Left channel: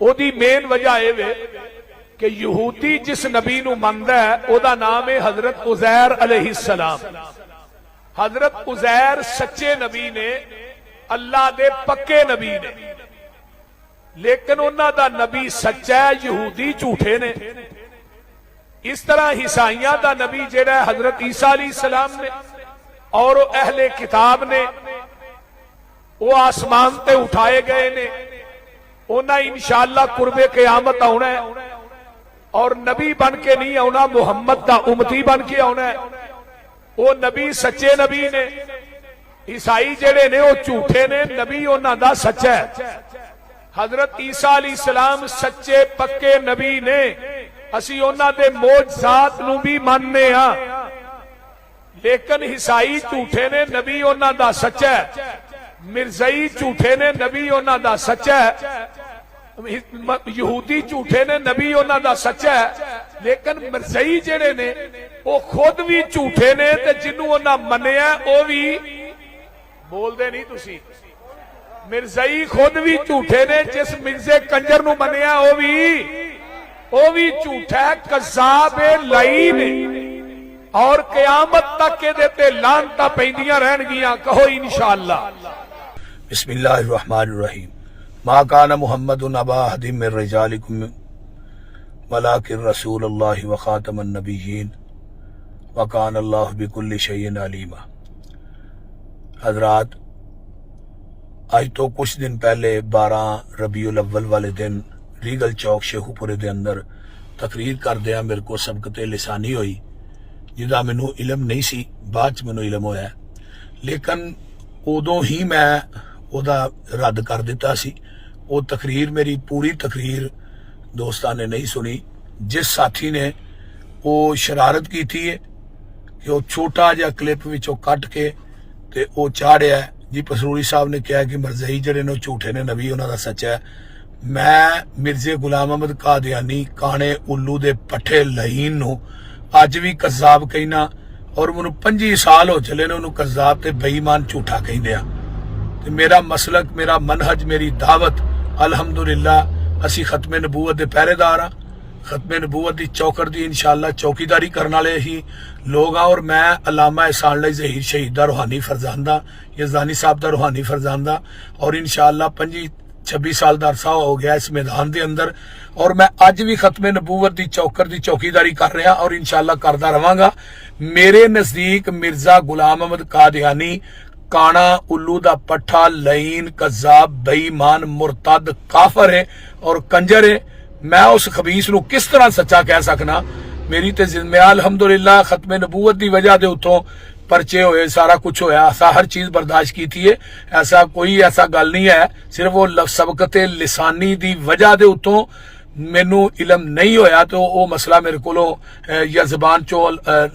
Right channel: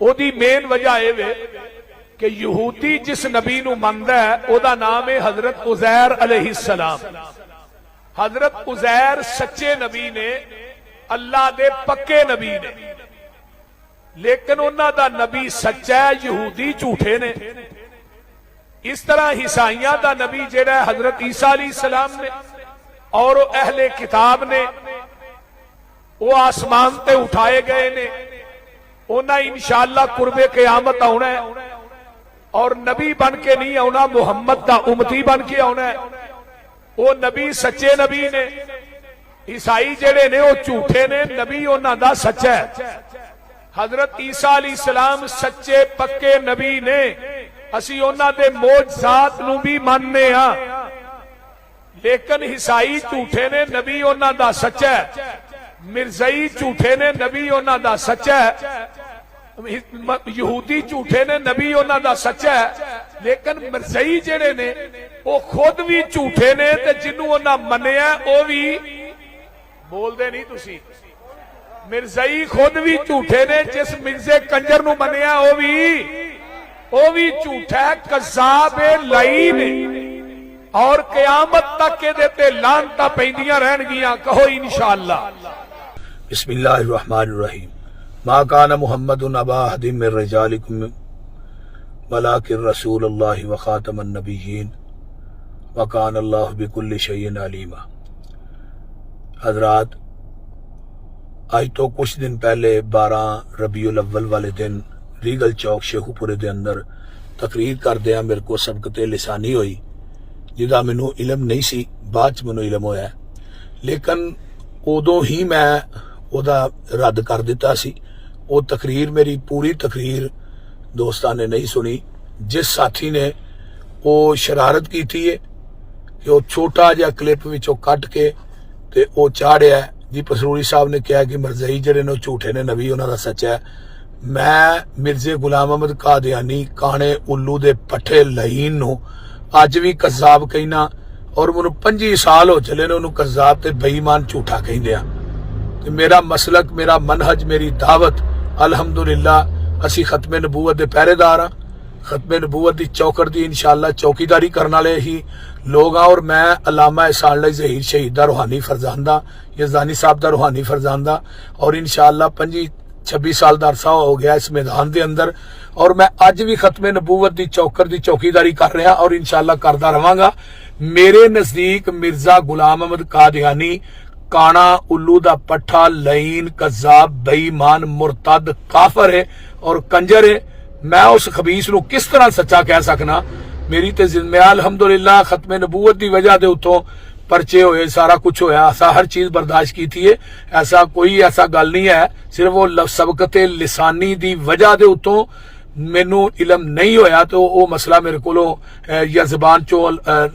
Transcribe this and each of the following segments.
ਉਹਦੀ ਮੇਨ ਵਜ੍ਹਾ ਇਹ ਵੇ کہ یہودی جس نبی نو مندا ہے او دا نام ہے حضرت عزیر علیہ السلام۔ حضرت عزیر سچے نبی نے، اللہ دے پکے نبی نے، لیکن انہاں دا نبی سچا ہے، یہودی جھوٹے نے۔ اس طرح عیسائیاں دا نبی جڑا ہے حضرت عیسیٰ علیہ السلام نے، اور اہل کتاب نے، وہ آسمان تے اٹھائے گئے نے، انہاں انشاءاللہ قرب قیامت آنا ہے، اور نبی بن کے نہیں آنا، محمد دا امتی بن کے آنا ہے۔ وہ نبی سچے نبی نے، عیسائی جڑے نے وہ جھوٹے نے، نبی انہاں دا سچا ہے۔ حضرت عیسیٰ علیہ السلام سچے پکے نبی نے، اسی انہاں دے معجزات نو بھی ماننے ہاں، لیکن عیسائی جھوٹے نے، نبی انہاں دا سچا ہے۔ مرزائی جھوٹے نے، نبی انہاں دا سچا ہے۔ یہودی جھوٹے نے، نبی انہاں دا سچا ہے۔ لیکن مرزائی جڑے نے وہ خود بھی جھوٹے نے، تے جنوں انہاں منیا وہ بھی بول دے نہیں تسی۔ مرزائی خود بھی جھوٹے نے، جس مرزے کنجر نو منیا وہ بھی جھوٹا ہے، کذاب لعین ہے، اور قیامت تک کے دیتے لعنتاں پیندیاں رہن گیاں۔ کہو انشاءاللہ۔ بسم اللہ الرحمن الرحیم۔ ما کان محمد ابا احد من رجالکم ولکن رسول اللہ وخاتم النبیین وکان اللہ بکل شیء علیما۔ حضرات، آج تو کچھ دن پہلے 12 ربیع الاول والے دن ریگل چوک شیخو پورے دے اندر تقریر کر دیا، میرے کو سبقت لسانی ہوئی جدا مینو علم نہیں سی، بعد مینو علم ہویا ہے، لیکن ادو ہی میں دا رد کر دیتا سی۔ وہ تقریر میری پوری تقریر دوستان نے نہیں سنی۔ جس ساتھی نے وہ شرارت کی تھی کہ وہ چھوٹا جا کلپ وچوں کٹ کے تے وہ چاڑیا ہے جی پسروری صاحب نے کہا کہ مرزائی جڑے نے جھوٹے نے، نبی انہاں دا سچا ہے۔ میں مرزے غلام احمد قادیانی کانے الو دے پٹھے لعین نو اج بھی کذاب کہنا، اور مینوں 25 سال ہو چلے نے انہوں کذاب تے بے ایمان جھوٹا کہندیا۔ تے میرا مسلک، میرا منہج، میری دعوت الحمدللہ اسی ختم نبوت دے پہرے دار ہاں، ختم نبوت دی چوکڑ دی انشاءاللہ چوکیداری کرنے والے ہی لوگ ہاں، اور میں علامہ احسان اللہ ظہیر شہید دا روحانی فرزاندہ، یزدانی صاحب دا روحانی فرزاندہ، اور انشاءاللہ 25-26 سال دا عرصہ ہو گیا اس میدان دے اندر، اور میں اج بھی ختم نبوت دی چوکڑ دی چوکیداری کر رہا اور انشاءاللہ کردا رہاں گا۔ میرے نزدیک مرزا غلام احمد قادیانی کانا الو دا پٹھا لعین کذاب بے ایمان مرتد کافر ہے اور کنجر ہے۔ میں اس خبیث نو کس طرح سچا کہہ سکنا؟ میری تے میں الحمدللہ ختم نبوت دی وجہ دے اتوں پرچے ہوئے، سارا کچھ ہویا، ایسا ہر چیز برداشت کی تھی ہے، ایسا کوئی ایسا گل نہیں ہے، صرف وہ سبقت لسانی دی وجہ دے اتوں مینو علم نہیں ہویا، تو وہ مسئلہ میرے کو یا زبان چو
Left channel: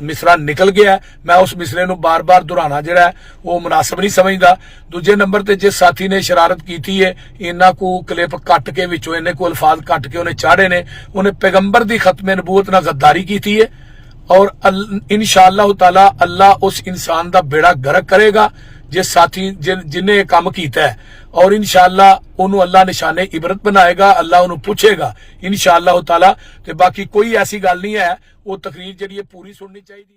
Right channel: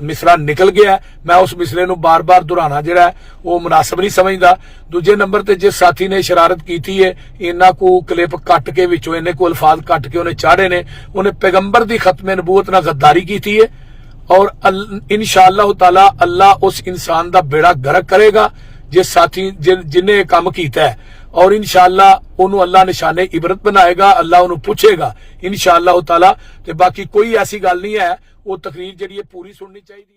مصرا نکل گیا ہے۔ میں اس مصرے نو بار بار دہرانا جڑا ہے وہ مناسب نہیں سمجھدا۔ دوجے نمبر تے جس ساتھی نے شرارت کیتی ہے، انہاں کو کلپ کٹ کے وچوں انہیں کو الفاظ کٹ کے انہیں چاڑے نے، انہیں پیغمبر دی ختم نبوت نہ غداری کیتی ہے، اور انشاءاللہ تعالی اللہ اس انسان دا بیڑا غرق کرے گا جس ساتھی جن نے کام کیتا ہے، اور انشاءاللہ انہوں اللہ نشانے عبرت بنائے گا، اللہ انہوں پوچھے گا انشاءاللہ تعالی۔ تے باقی کوئی ایسی گل نہیں ہے، وہ تقریر جڑی ہے پوری سننی چاہیے۔